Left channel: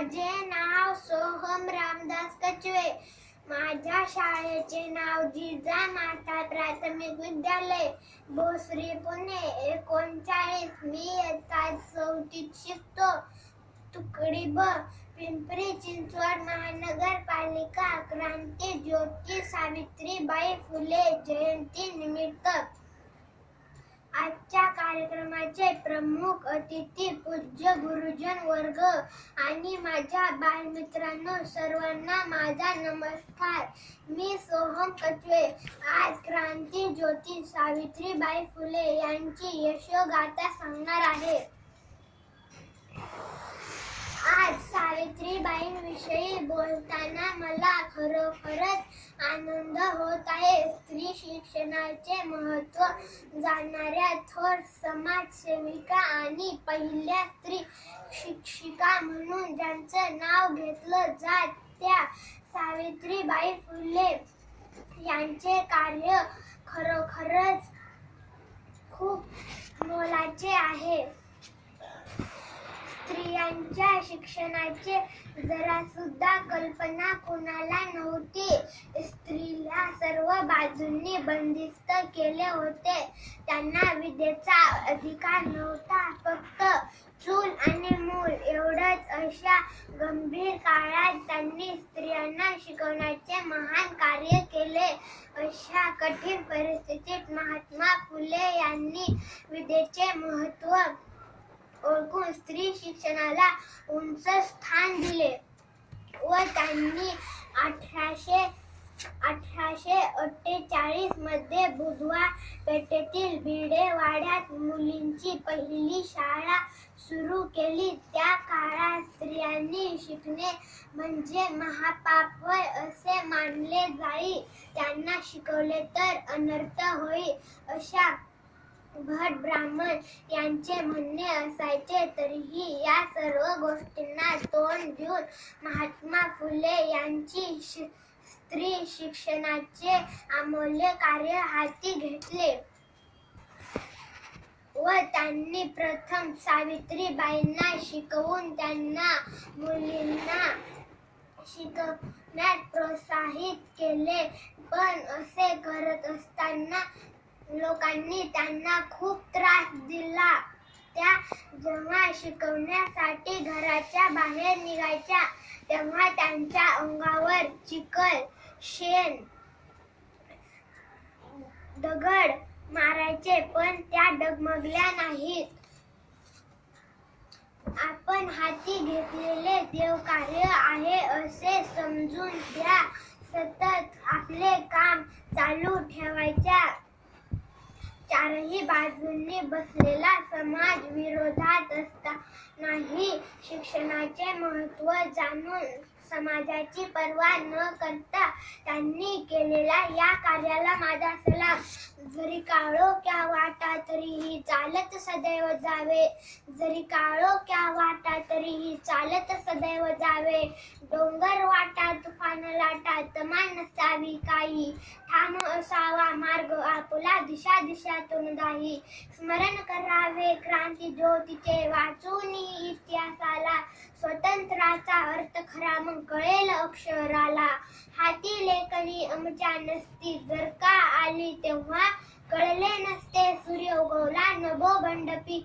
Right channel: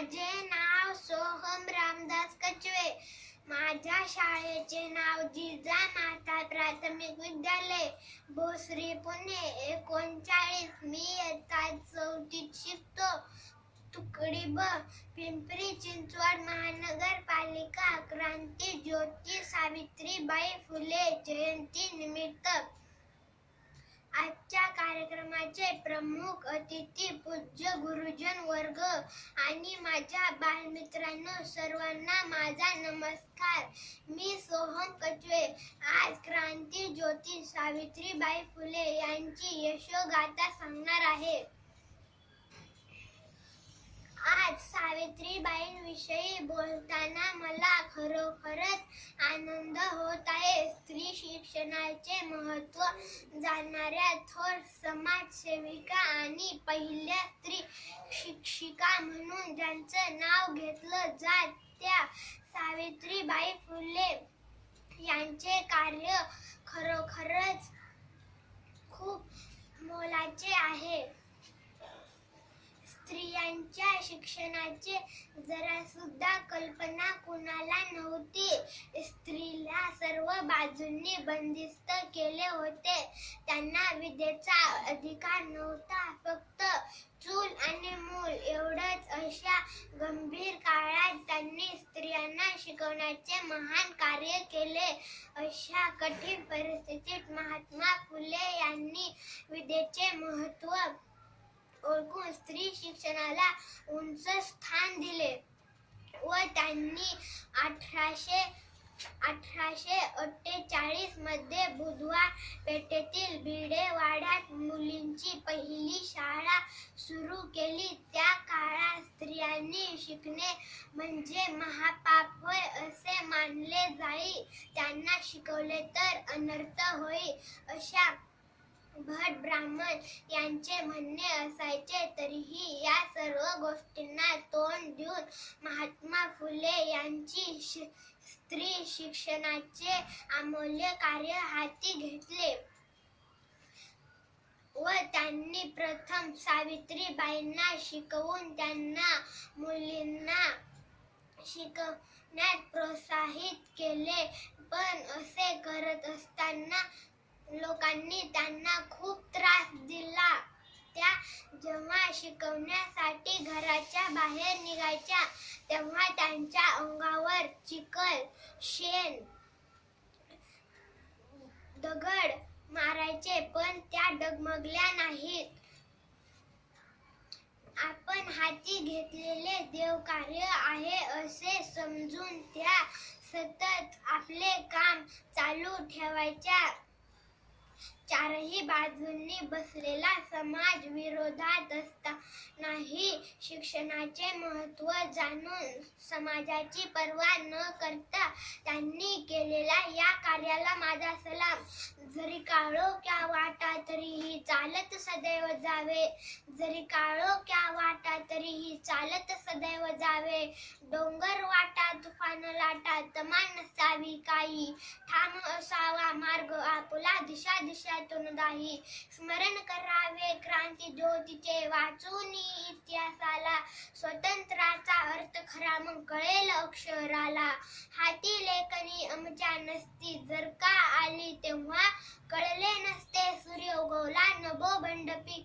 माझे नाव सोहम रामदास कचवे. माझ्या शाळेचे नाव जिजामाता प्राथमिक विद्यालय, भोसरी, पुणे 39. मी इयत्ता 4वीत शिकतो. तुकडी ब, पिंपरी चिंचवड महानगरपालिका. क्रांती ज्योती सावित्रीबाई फुले जयंती निमित्त आजच्या कार्यक्रमाचे प्रमुख अतिथी पूज्य गुरुजन वर्ग आणि माझ्या बालमित्रांनो, सर्वांना माझा नमस्कार. मी सोहम कचवे आज क्रांती ज्योती सावित्रीबाई फुले यांची यशोगाथा सांगणार आहे. आज सावित्रीबाईंविषयी बोलताना मला खरोखरच आनंद होत आहे. स्त्री शिक्षणाचे महत्त्व जाणणाऱ्या थोर समाजसेविका आणि पहिल्या स्त्री शिक्षिका म्हणून ज्यांचं नाव घेतलं जात त्या सावित्रीबाई फुले यांचे कार्य खरोखरच खूप मोलाचे आहे. स्त्रियांच्या शिक्षणाची जरासुद्धा कल्पना कुणाला नव्हती. स्त्रीला सर्व बाजूंनी बंदिस्त केले होते. त्यांना विद्येचा अधिकार नव्हता. फक्त चूल आणि मूल एवढंच. अशा गंभीर काळात त्यांनी स्त्रियांना शिकवण्याचे महान कार्य केले. अशा कठीण परिस्थितीत महात्मा फुले यांनी विद्येचे महत्त्व ओळखून स्त्री शिक्षणाला उंच स्थान दिले व त्यांनी 1848 मध्ये बुधवार पेठेतील भिडेवाड्यात मुलींची पहिली शाळा सुरू केली. त्या काळात स्त्रियांनी शिकणे म्हणजे महापाप होय असे मानले जाई. त्यांना शिकवले तर अनर्थ होई अशा भट ब्राह्मण यांचे म्हणणे असायचे. तरीही या सर्व गोष्टींना तोंड देऊन महात्मा फुले यांची स्त्री शिक्षणाचे अमूल्य कार्य हाती घेतले व त्यांनी प्रथम सावित्रीबाईंना शिकवून त्यांना मुलींना शिकवण्यात प्रोत्साहित केले. पण असे करत असताना लोकांनी त्यांना खूप त्रास दिला. त्या जेव्हा शिकवण्यासाठी घराच्या बाहेर निघायच्या तेव्हा त्यांच्या अंगावर चिखल, शेण, दगड मारायचे, पण त्या डगमगल्या नाहीत. आपण हाती घेतलेले देवकार्य आहे असे समजून त्या सतत आपले काम चालू ठेवायच्या. चारही बाजूंनी बसलेला समाज विरोधात असतानाही शिक्षणाचे महत्त्व जाणून समाजाची पर्वा न करता त्यांनी केलेल्या या कार्याला माझा सलाम. जरी काळोख्या वाटा तरीही चालत सदैव जावे. जरी काळोख्या वाटा तरीही चालत सदैव जावे. डोंगर वाटा तुफान लाटा तमा नसावी काही. ठाम असावा मार्ग आपुला दिशा दिशातून दाही. स्मरण करावे क्रांती ज्योतीचे वाचून इतिहासाला. स्वतंत्राचा अर्थ खरा मग कळेल अक्षराला. हाती लेखणी आमच्या नसती जर का आली तेव्हा कळले नसते सूर्य उगवला नभोमंडपी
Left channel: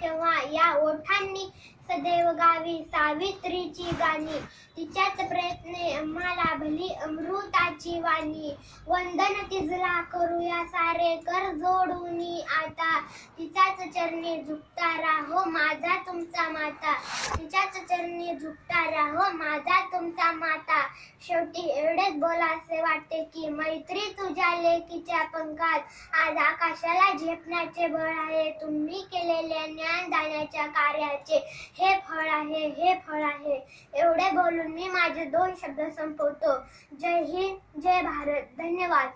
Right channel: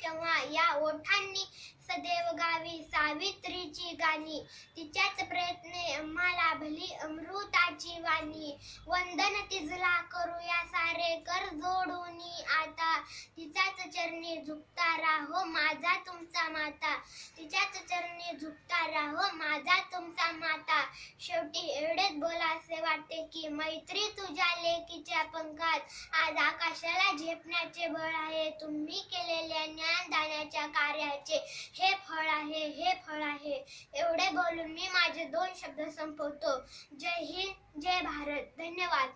केव्हा. या ओठांनी सदैव गावी सावित्रीची गाणी. तिच्याच प्रयत्ने आम्हाला भली अमृताची वाणी. वंदन तिजला करूया सारे कर जोडूनी आता. तिच्याच चरणी झुकता राहो माझा तुमचा माता. तिच्याच चरणी झुकता राहो माझा तुमचा माता. शेवटी एवढेच बोलासे वाटते की मैत्री तुझ्या लेकीच्या पंखात. आज आकाशाला झेपण्याचे बळ आहे. तुम्ही केलेल्या ज्ञानदानाच्या कार्याचे हे फळ आहे, हे फळ आहे. एवढे बोलून मी माझे 2 शब्द संपवतो. जय हिंद, जय भारत. धन्यवाद.